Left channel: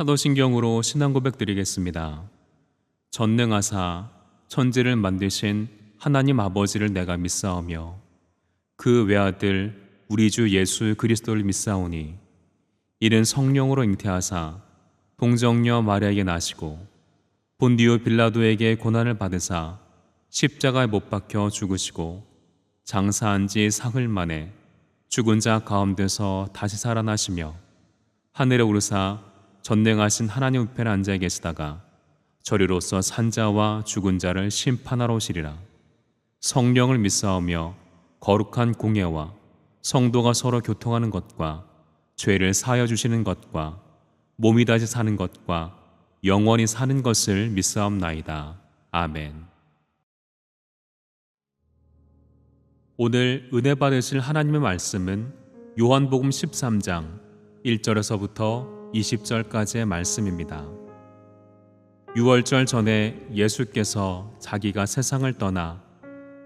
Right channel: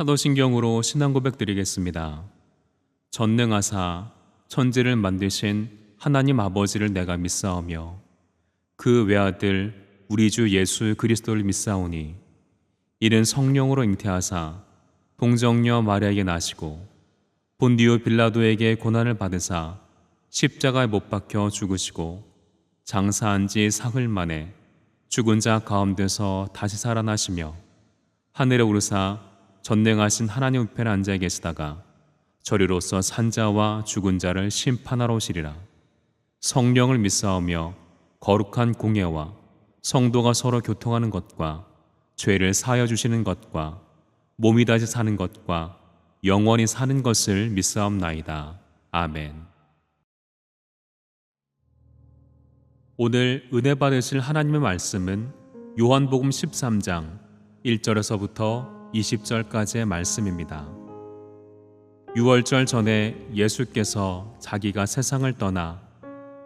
사도신경으로 신앙 고백 드리겠습니다. 전능하사 천지를 만드신 하나님 아버지를 내가 믿사오며 그 외아들 우리 주 예수 그리스도를 믿사오니 이는 성령으로 잉태하사 동정녀 마리아에게 나시고 본디오 빌라도에게 고난을 받으사 십자가에 못 박혀 죽으시고 장사한 지 사흘 만에 죽은 자 가운데서 다시 살아나시며 하늘에 오르사 전능하신 하나님 우편에 앉아 계시다가 저리로서 산자와 죽은 자를 심판하러 오시리라. 성령을 믿사오며 거룩한 공예와 성도가 서로 교통하는 것과 죄를 사하여 주시는 것과 몸이 다시 사는 것과 영원히 사는 것을 믿사옵나이다. 아멘. 오늘 은혜 받으실 하나님의 말씀은 요한복음 13장 1절에서부터 20절까지의 말씀입니다. 유월절 전에 예수께서 자기가 세상을 떠나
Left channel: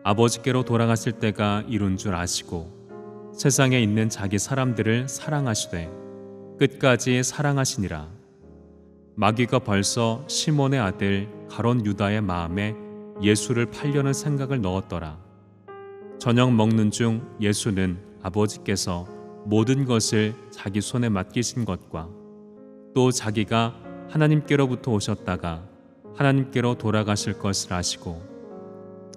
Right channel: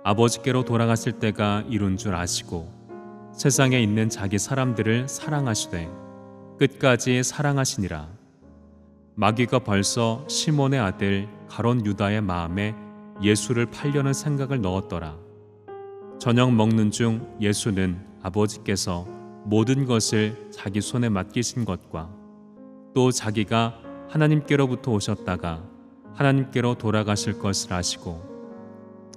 아버지께로 돌아가실 때가 이룬 줄 아시고 세상에 있는 자기 사람들을 사랑하시되 끝까지 사랑하시니라. 마귀가 벌써 시몬의 아들 가롯 유다의 마음에 예수를 팔려는 생각을 넣었더라. 저녁 먹는 중 예수는 아버지께서 모든 것을 자기 손에 맡기신 것과 또 자기가 하나님께로부터 오셨다가 하나님께로 돌아가실 것을 아시고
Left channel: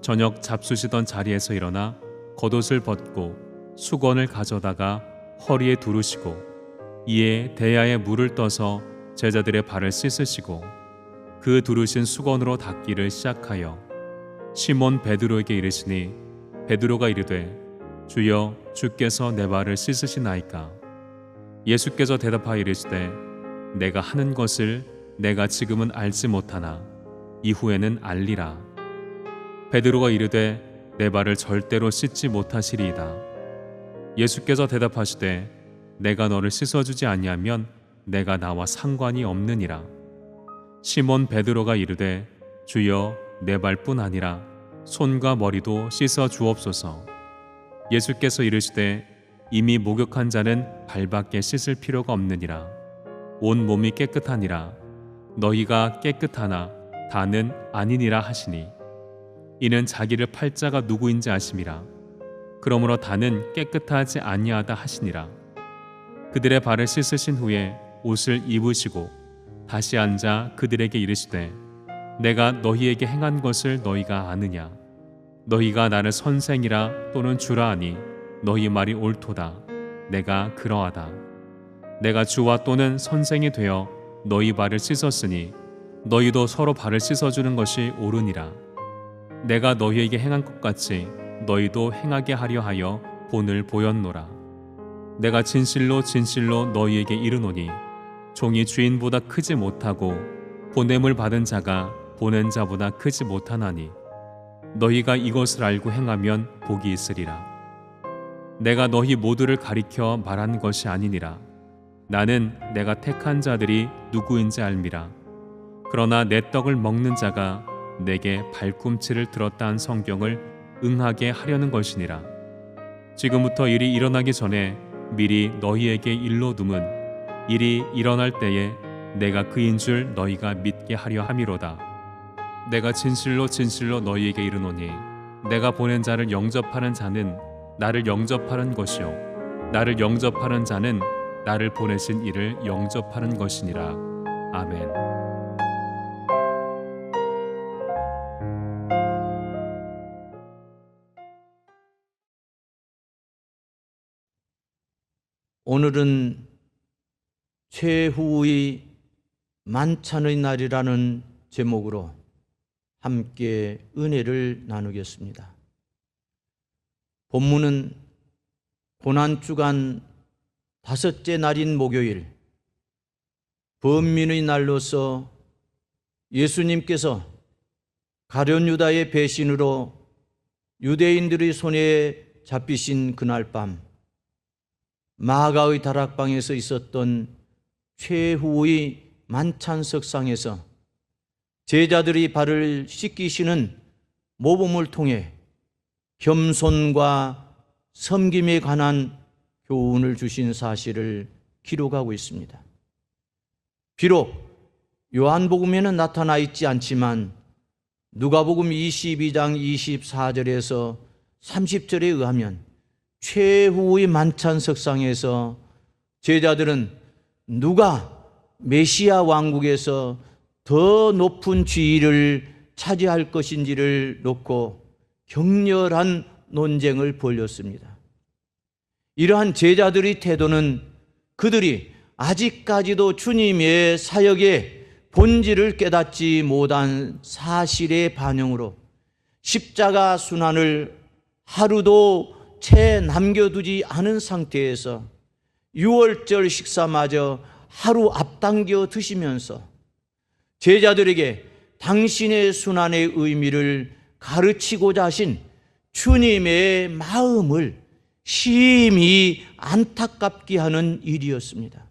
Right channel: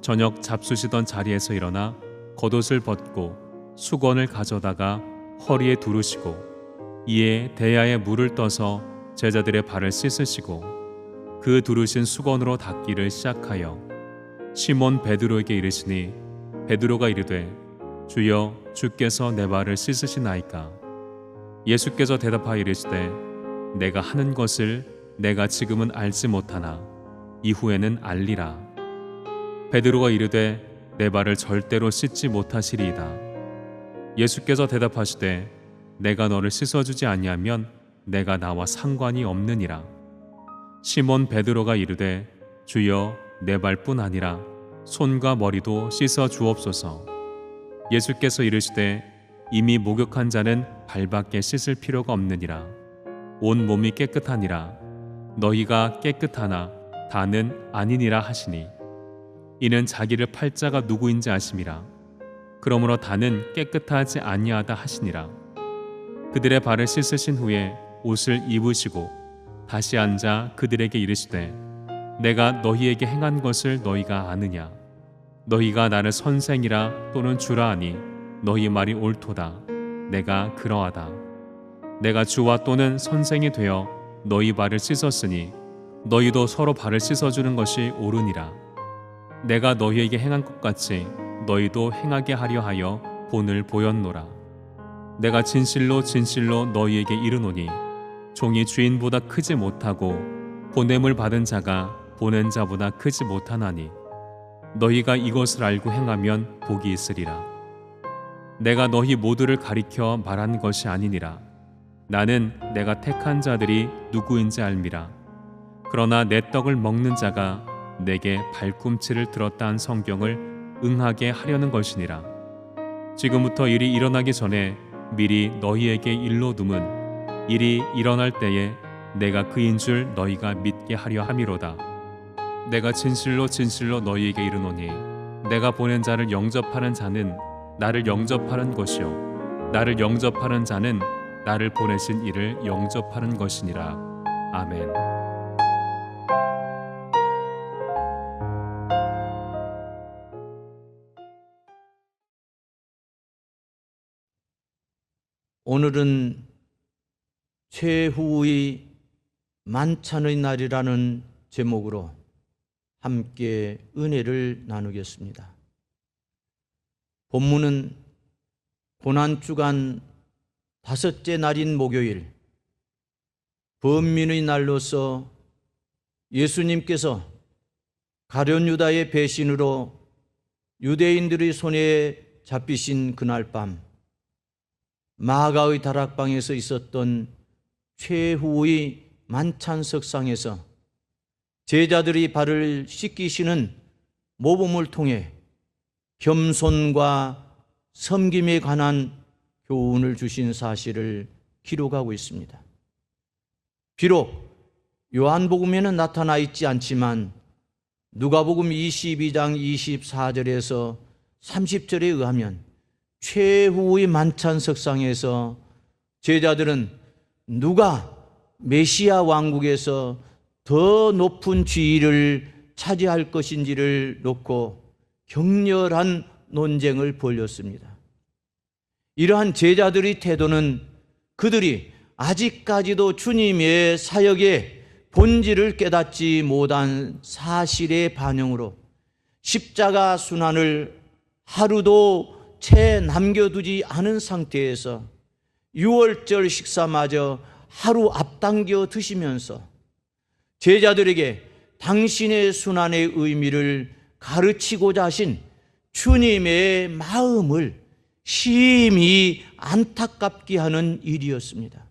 저녁 잡수시던 자리에서 일어나 겉옷을 벗고 수건을 가져다가 허리에 두르시고 이에 대야에 물을 떠서 제자들의 발을 씻으시고 그 두르신 수건으로 닦기를 시작하여 시몬 베드로에게 이르시니 베드로가 이르되 주여 주께서 내 발을 씻으시나이까. 예수께서 대답하여 이르시되 내가 하는 것을 내가 지금은 알지 못하나 이후에는 알리라. 베드로가 이르되 내 발을 절대로 씻지 못하시리이다. 예수께서 대답하시되 내가 너를 씻어주지 아니하면 내가 나와 상관이 없느니라. 시몬 베드로가 이르되 주여 내 발뿐 아니라 손과 머리도 씻어 주옵소서. 예수께서 이르시되 이미 목욕한 자는 발밖에 씻을 필요가 없느니라. 온 몸이 깨끗하니라. 너희가 깨끗하나 다는 아니니라 하시니 이는 자기를 팔 자가 누구인지 아심이라. 그러므로 다는 깨끗하지 아니하다 하시니라. 그들의 발을 씻으신 후에 옷을 입으시고 다시 앉아 그들에게 이르시되 내가 너희에게 행한 것을 너희가 아느냐. 너희가 나를 선생이라 또는 주라 하니 너희 말이 옳도다. 내가 그러하다. 내가 주와 또는 선생이 되어 너희 발을 씻었으니 너희도 서로 발을 씻어주는 것이 옳으니라. 내가 너희에게 행한 것 같이 너희도 행하게 하려 하여 본을 보였노라. 내가 진실로 진실로 너희에게 이르노니 종이 주인보다 크지 못하고 보냄을 받은 자가 보낸 자보다 크지 못하나니 너희가 이것을 알고 행하면 복이 있으리라. 내가 너희 모두를 가리켜 말한 것이 아니니라. 나는 내가 택한 자들이 누구인지 알미라. 그러나 내 떡을 먹는 자가 내게 발꿈치를 들었다 한 성경을 응하게 하려는 것이니라. 지금부터 일이 일어나기 전에 미리 너희에게 일러둠은 일이 일어날 때에 내가 그인 줄 너희가 믿게 하려 함이로다. 내가 진실로 진실로 너희에게 이르노니 내가 보낸 자를 영접하는 자는 나를 영접하는 것이요 나를 영접하는 자는 나를 보내신 이를 영접하는 것이니라. 아멘. 오늘은 최후의 만찬의 날이라는 제목으로 함께 은혜를 나누겠습니다. 본문은 고난주간 다섯째 날인 목요일 번민의 날로서 예수님께서 가룟 유다의 배신으로 유대인들의 손에 잡히신 그날 밤 마가의 다락방에서 있었던 최후의 만찬석상에서 제자들이 발을 씻기시는 모범을 통해 겸손과 섬김에 관한 교훈을 주신 사실을 기록하고 있습니다. 비록 요한복음에는 나타나 있지 않지만 누가복음 22장 24절에서 30절에 의하면 최후의 만찬 석상에서 제자들은 누가 메시아 왕국에서 더 높은 지위를 차지할 것인지를 놓고 격렬한 논쟁을 벌였습니다. 이러한 제자들의 태도는 그들이 아직까지도 주님의 사역의 본질을 깨닫지 못한 사실의 반영으로 십자가 순환을 하루도 채 남겨두지 않은 상태에서 유월절 식사마저 하루 앞당겨 드시면서 제자들에게 당신의 순환의 의미를 가르치고자 하신 주님의 마음을 심히 안타깝게 하는 일이었습니다.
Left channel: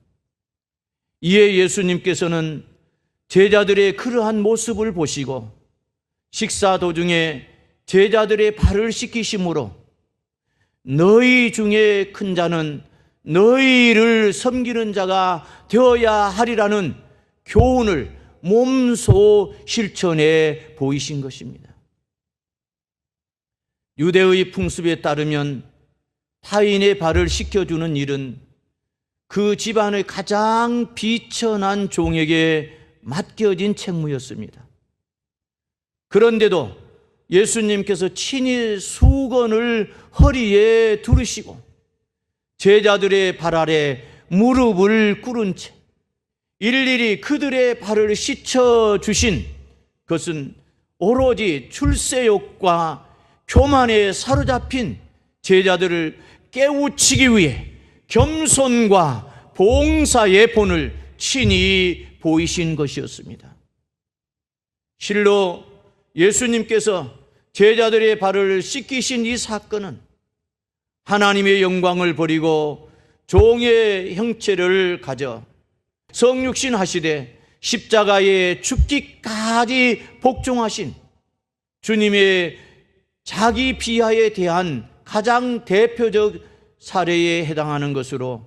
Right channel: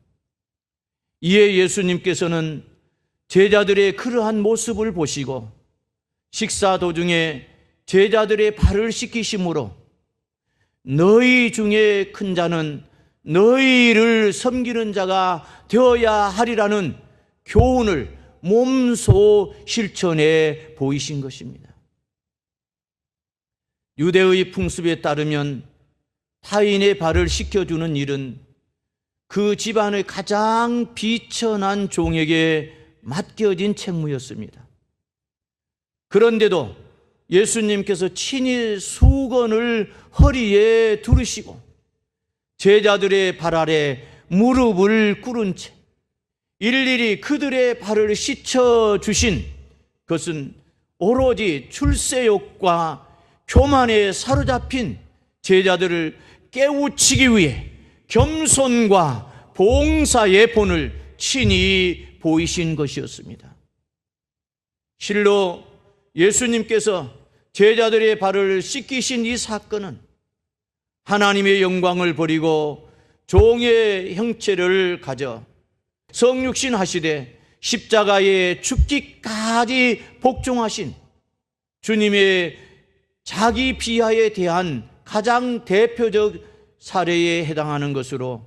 이에 예수님께서는 제자들의 그러한 모습을 보시고 식사 도중에 제자들의 발을 씻기심으로 너희 중에 큰 자는 너희를 섬기는 자가 되어야 하리라는 교훈을 몸소 실천해 보이신 것입니다. 유대의 풍습에 따르면 타인의 발을 씻겨주는 일은 그 집안의 가장 비천한 종에게 맡겨진 책무였습니다. 그런데도 예수님께서 친히 수건을 허리에 두르시고 제자들의 발 아래 무릎을 꿇은 채 일일이 그들의 발을 씻어주신 것은 오로지 출세욕과 교만에 사로잡힌 제자들을 깨우치기 위해 겸손과 봉사의 본을 친히 보이신 것이었습니다. 실로 예수님께서 제자들의 발을 씻기신 이 사건은 하나님의 영광을 버리고 종의 형체를 가져 성육신 하시되 십자가에 죽기까지 복종하신 주님의 자기 비하에 대한 가장 대표적 사례에 해당하는 것으로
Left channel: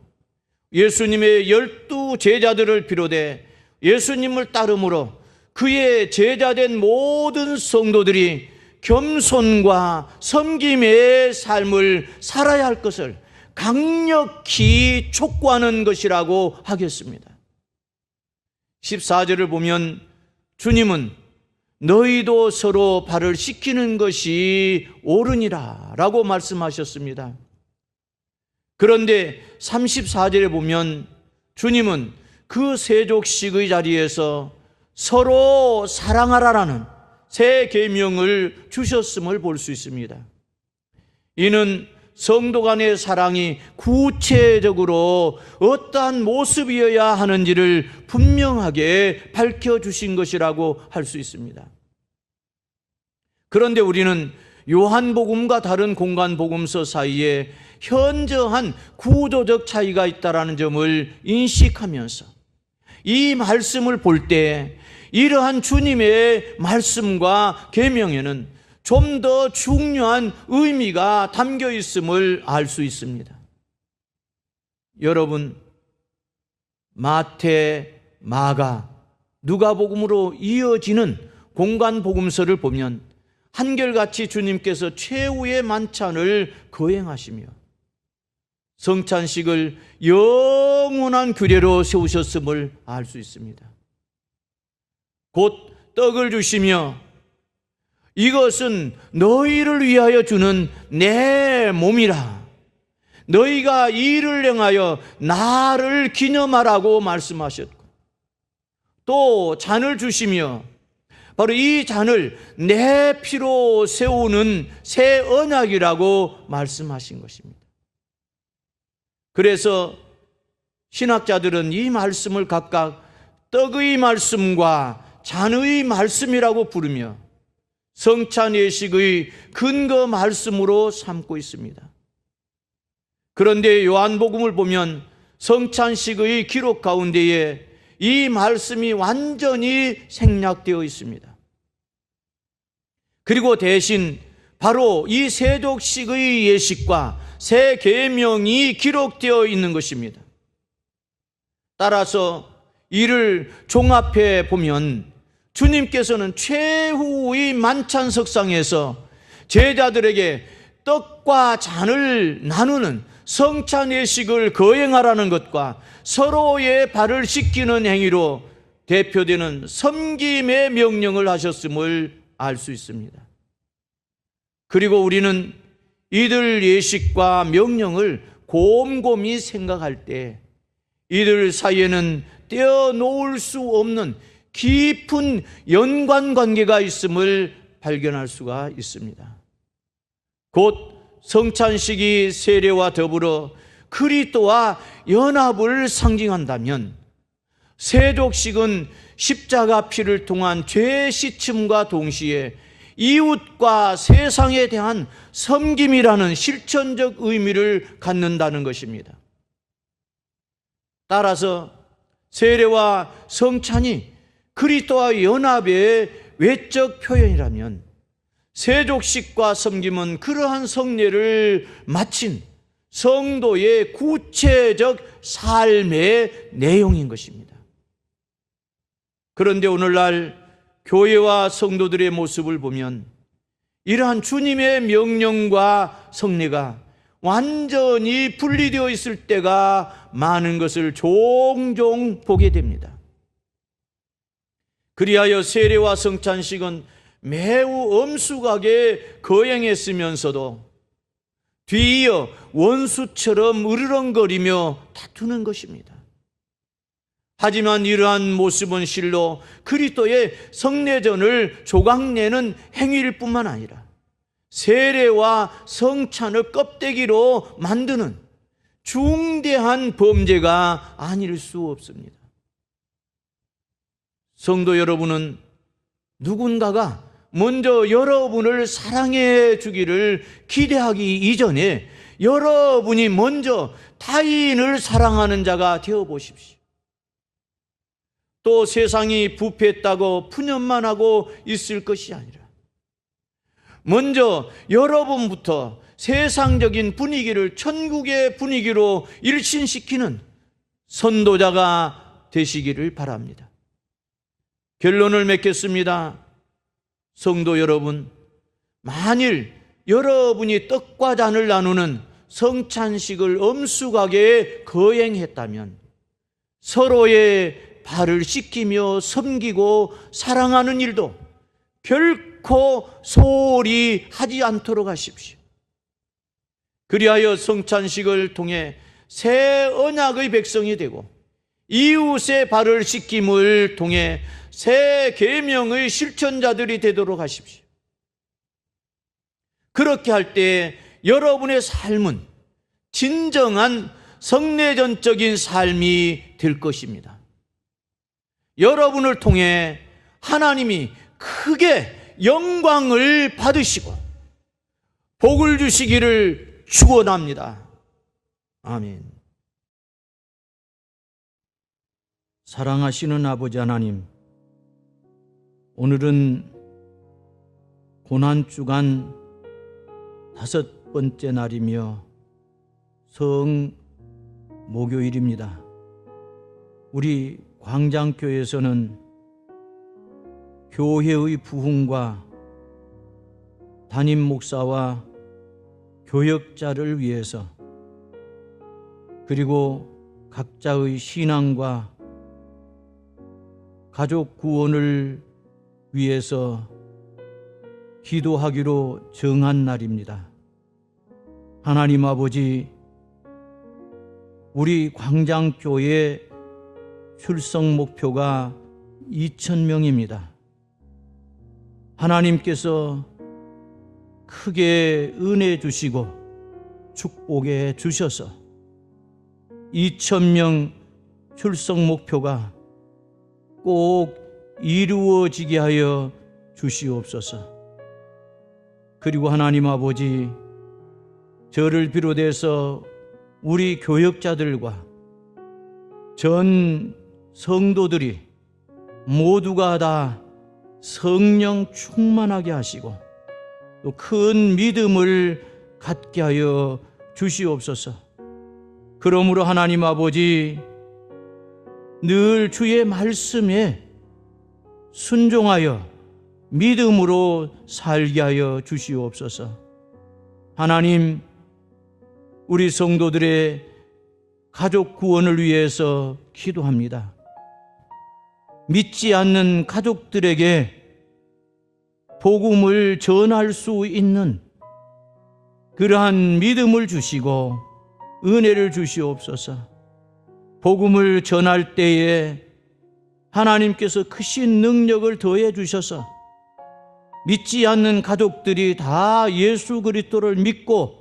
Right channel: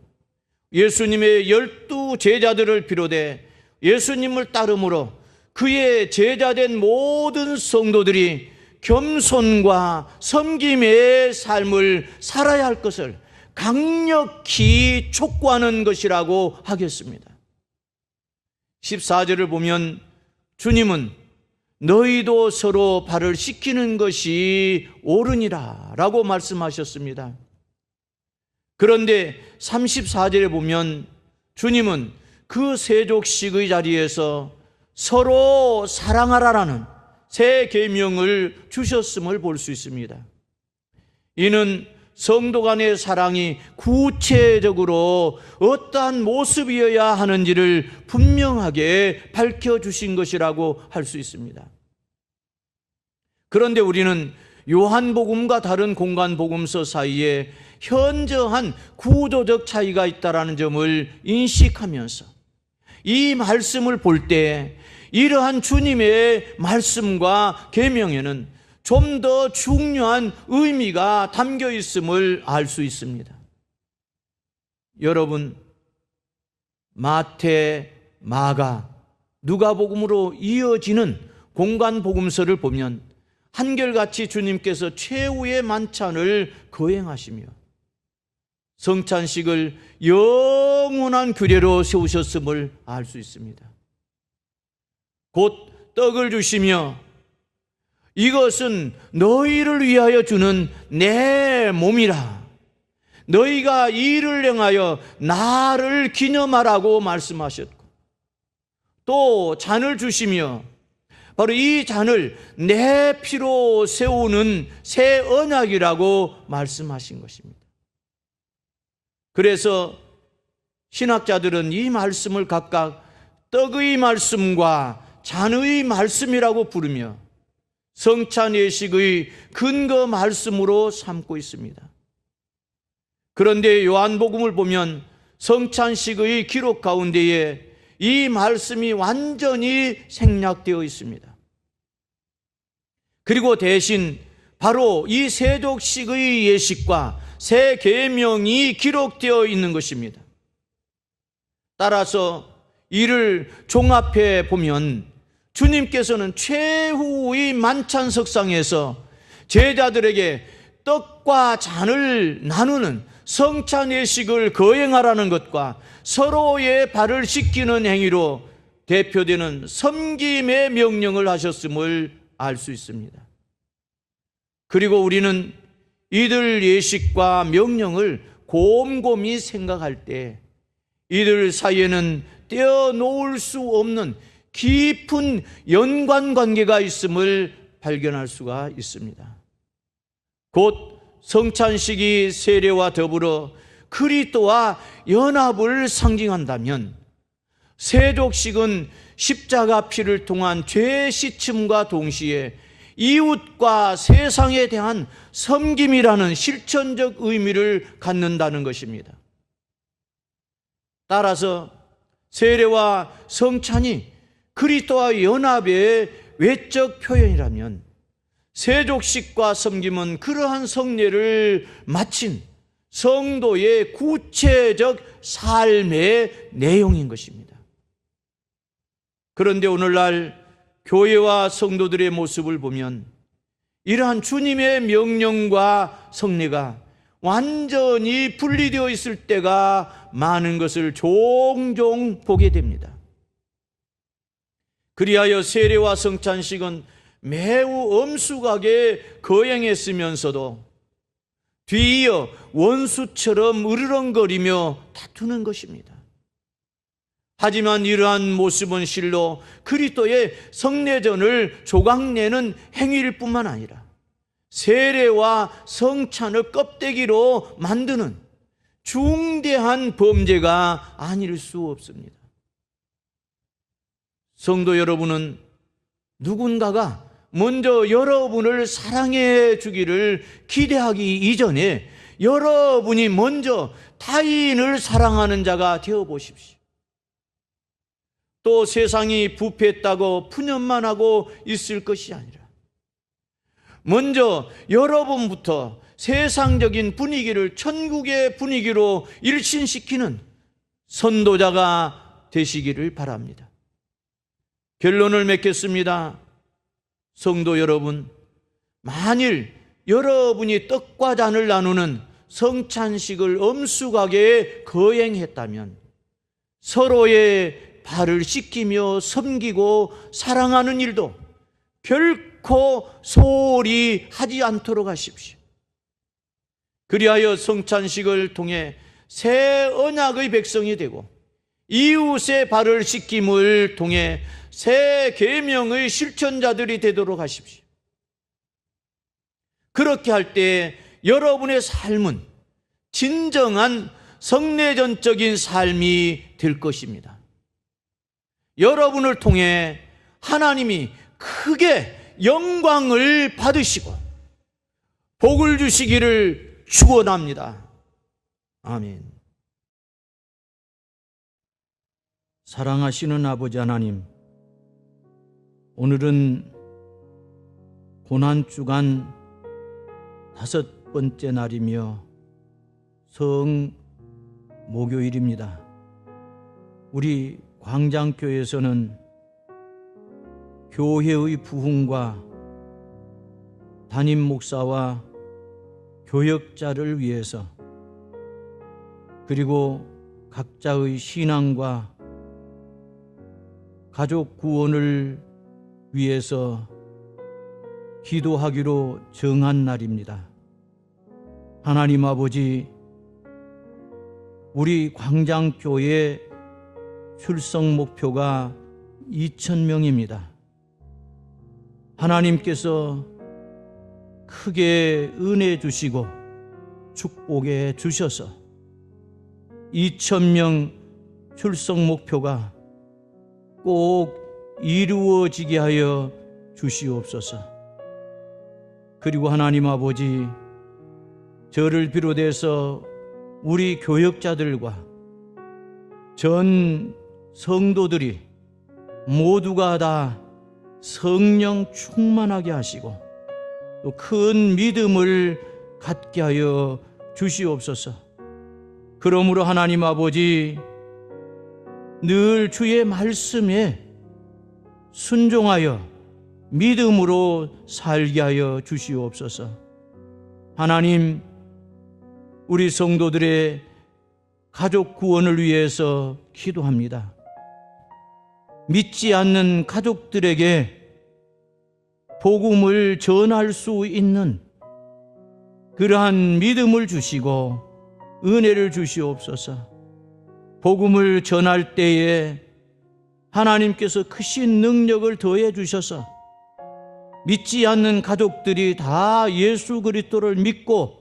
예수님의 12 제자들을 비롯해 예수님을 따름으로 그의 제자된 모든 성도들이 겸손과 섬김의 삶을 살아야 할 것을 강력히 촉구하는 것이라고 하겠습니다. 14절을 보면 주님은 너희도 서로 발을 씻기는 것이 옳으니라 라고 말씀하셨습니다. 그런데 34절에 보면 주님은 그 세족식의 자리에서 서로 사랑하라라는 새 계명을 주셨음을 볼 수 있습니다. 이는 성도 간의 사랑이 구체적으로 어떠한 모습이어야 하는지를 분명하게 밝혀주신 것이라고 할 수 있습니다. 그런데 우리는 요한복음과 다른 공간복음서 사이에 현저한 구조적 차이가 있다는 점을 인식하면서 이 말씀을 볼 때 이러한 주님의 말씀과 계명에는 좀 더 중요한 의미가 담겨 있음을 알 수 있습니다. 여러분, 마태, 마가, 누가복음으로 이어지는 공간복음서를 보면 한결같이 주님께서 최후의 만찬을 거행하시며 성찬식을 영원한 규례로 세우셨음을 알 수 있습니다. 곧 떡을 주시며 이것은 너희를 위하여 주는 내 몸이라 너희가 이를 행하여 나를 기념하라고 말씀하셨고 또 잔을 주시며 바로 이 잔을 내 피로 세우는 새 언약이라고 말씀하신 것입니다. 그래서 신학자들은 이 말씀을 각각 떡의 말씀과 잔의 말씀이라고 부르며 성찬 예식의 근거 말씀으로 삼고 있습니다. 그런데 요한복음을 보면 성찬식의 기록 가운데에 이 말씀이 완전히 생략되어 있습니다. 그리고 대신 바로 이 세족식의 예식과 새 계명이 기록되어 있는 것입니다. 따라서 이를 종합해 보면 주님께서는 최후의 만찬석상에서 제자들에게 떡과 잔을 나누는 성찬 예식을 거행하라는 것과 서로의 발을 씻기는 행위로 대표되는 섬김의 명령을 하셨음을 알 수 있습니다. 그리고 우리는 이들 예식과 명령을 곰곰이 생각할 때 이들 사이에는 떼어놓을 수 없는 깊은 연관관계가 있음을 발견할 수가 있습니다. 곧 성찬식이 세례와 더불어 그리스도와 연합을 상징한다면 세족식은 십자가 피를 통한 죄 씻음과 동시에 이웃과 세상에 대한 섬김이라는 실천적 의미를 갖는다는 것입니다. 따라서 세례와 성찬이 그리스도와 연합의 외적 표현이라면 세족식과 섬김은 그러한 성례를 마친 성도의 구체적 삶의 내용인 것입니다. 그런데 오늘날 교회와 성도들의 모습을 보면 이러한 주님의 명령과 성례가 완전히 분리되어 있을 때가 많은 것을 종종 보게 됩니다. 그리하여 세례와 성찬식은 매우 엄숙하게 거행했으면서도 뒤이어 원수처럼 으르렁거리며 다투는 것입니다. 하지만 이러한 모습은 실로 그리스도의 성례전을 조각내는 행위일 뿐만 아니라 세례와 성찬을 껍데기로 만드는 중대한 범죄가 아닐 수 없습니다. 성도 여러분은 누군가가 먼저 여러분을 사랑해 주기를 기대하기 이전에 여러분이 먼저 타인을 사랑하는 자가 되어 보십시오. 또 세상이 부패했다고 푸념만 하고 있을 것이 아니라 먼저 여러분부터 세상적인 분위기를 천국의 분위기로 일신시키는 선도자가 되시기를 바랍니다. 결론을 맺겠습니다. 성도 여러분, 만일 여러분이 떡과 잔을 나누는 성찬식을 엄숙하게 거행했다면 서로의 발을 씻기며 섬기고 사랑하는 일도 결코 소홀히 하지 않도록 하십시오. 그리하여 성찬식을 통해 새 언약의 백성이 되고 이웃의 발을 씻김을 통해 새 계명의 실천자들이 되도록 하십시오. 그렇게 할 때 여러분의 삶은 진정한 성례전적인 삶이 될 것입니다. 여러분을 통해 하나님이 크게 영광을 받으시고 복을 주시기를 축원합니다. 아멘. 사랑하시는 아버지 하나님, 오늘은 고난주간 5번째 날이며 성목요일입니다. 우리 광장교회에서는 교회의 부흥과 담임 목사와 교역자를 위해서 그리고 각자의 신앙과 가족 구원을 위해서 기도하기로 정한 날입니다. 하나님 아버지, 우리 광장교회 출석 목표가 2,000명입니다. 하나님께서 크게 은혜 주시고 축복해 주셔서 2,000명 출석 목표가 꼭 이루어지게 하여 주시옵소서. 그리고 하나님 아버지, 저를 비롯해서 우리 교역자들과 전 성도들이 모두가 다 성령 충만하게 하시고 또 큰 믿음을 갖게 하여 주시옵소서. 그러므로 하나님 아버지, 늘 주의 말씀에 순종하여 믿음으로 살게 하여 주시옵소서. 하나님, 우리 성도들의 가족 구원을 위해서 기도합니다. 믿지 않는 가족들에게 복음을 전할 수 있는 그러한 믿음을 주시고 은혜를 주시옵소서. 복음을 전할 때에 하나님께서 크신 능력을 더해 주셔서 믿지 않는 가족들이 다 예수 그리스도를 믿고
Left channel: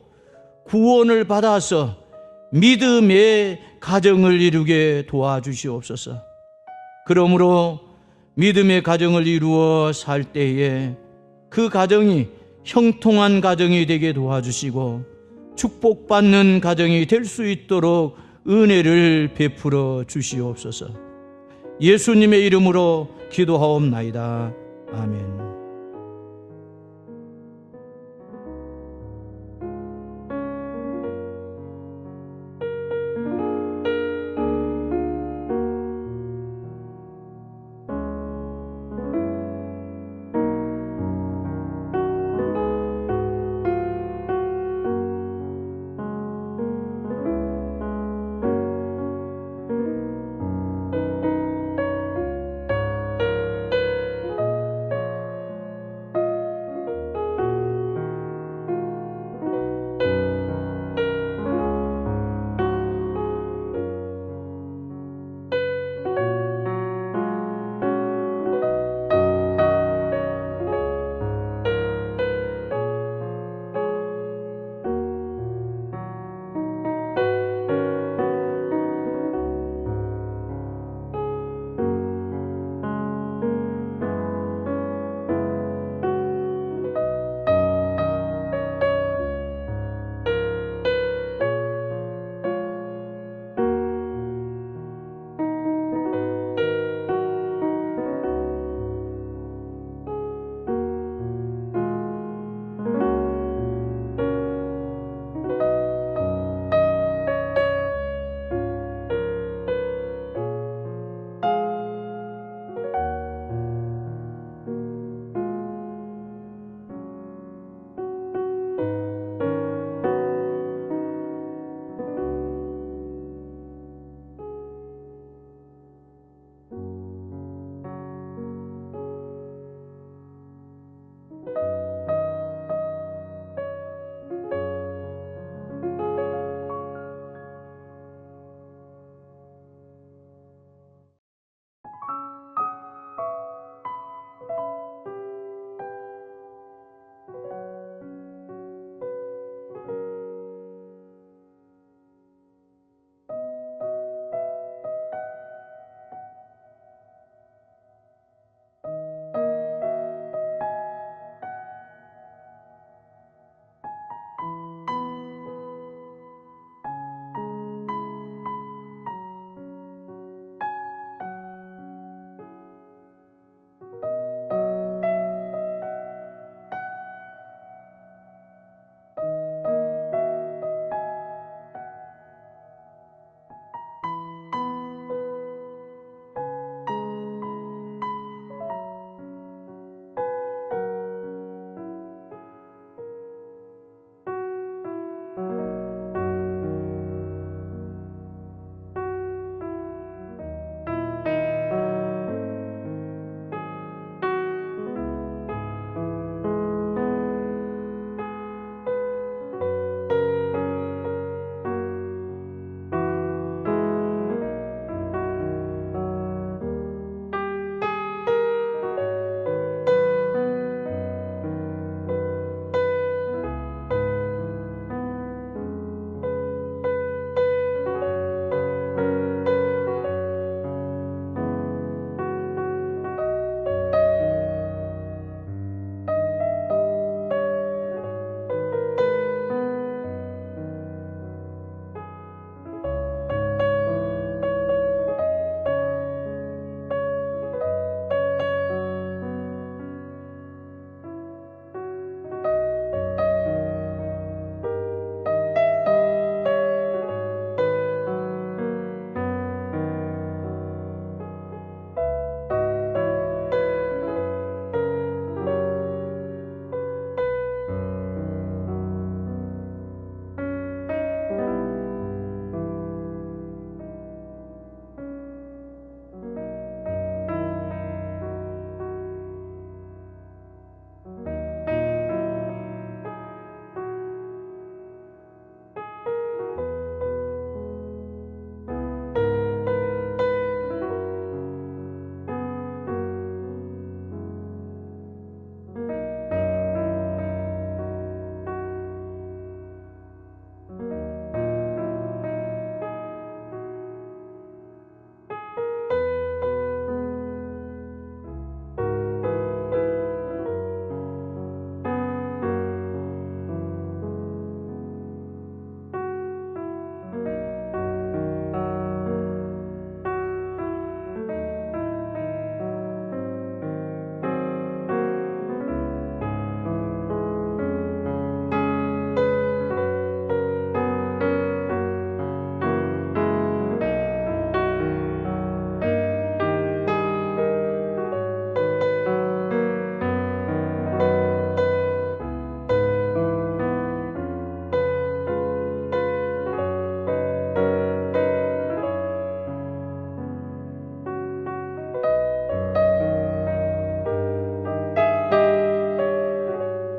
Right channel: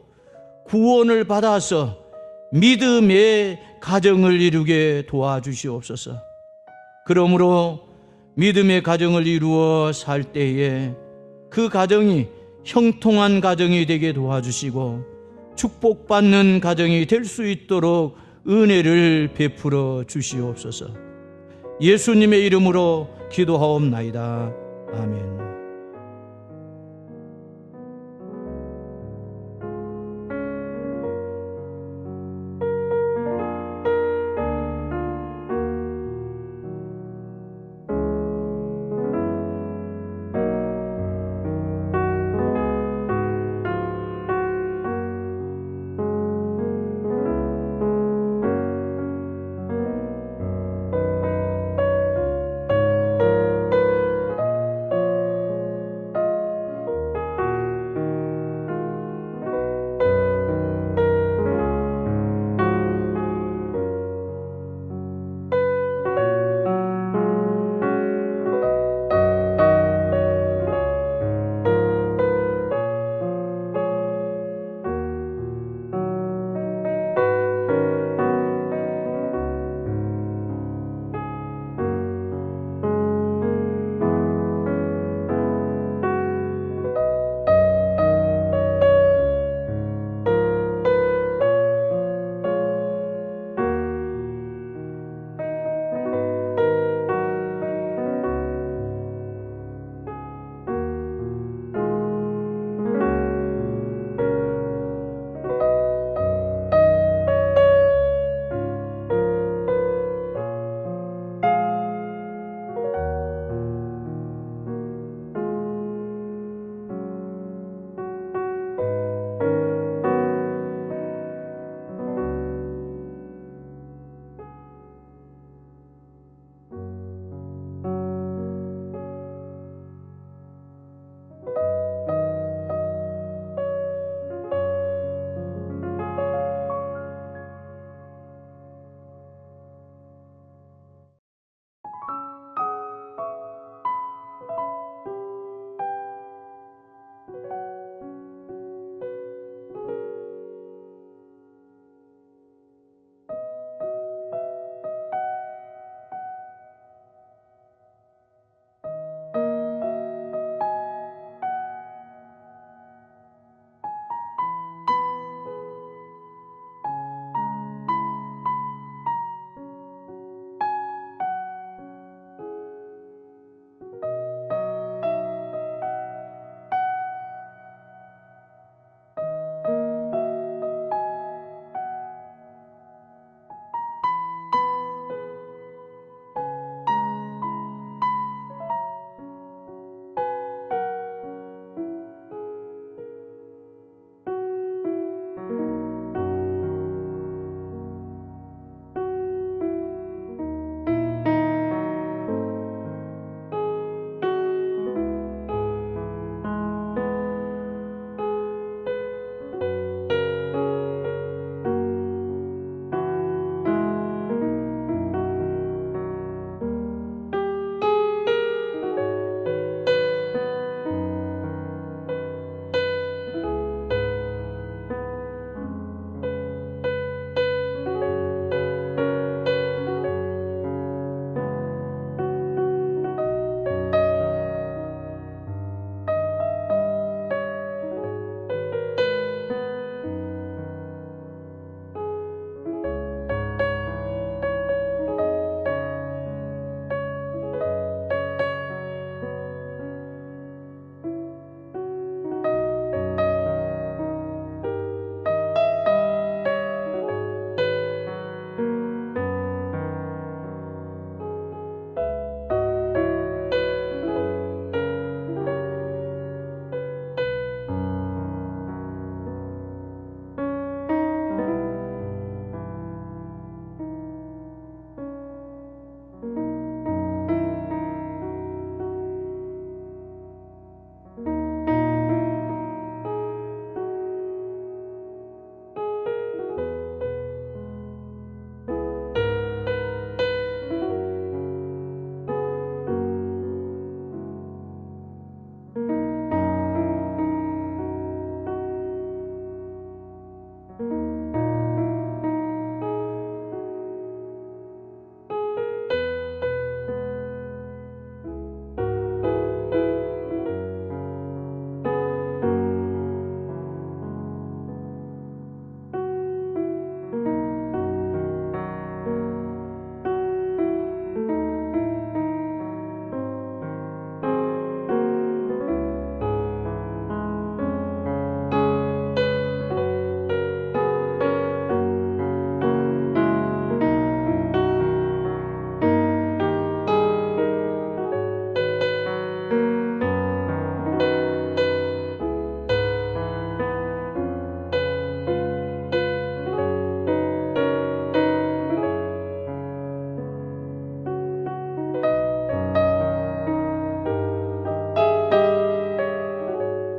구원을 받아서 믿음의 가정을 이루게 도와주시옵소서. 그러므로 믿음의 가정을 이루어 살 때에 그 가정이 형통한 가정이 되게 도와주시고 축복받는 가정이 될 수 있도록 은혜를 베풀어 주시옵소서. 예수님의 이름으로 기도하옵나이다. 아멘.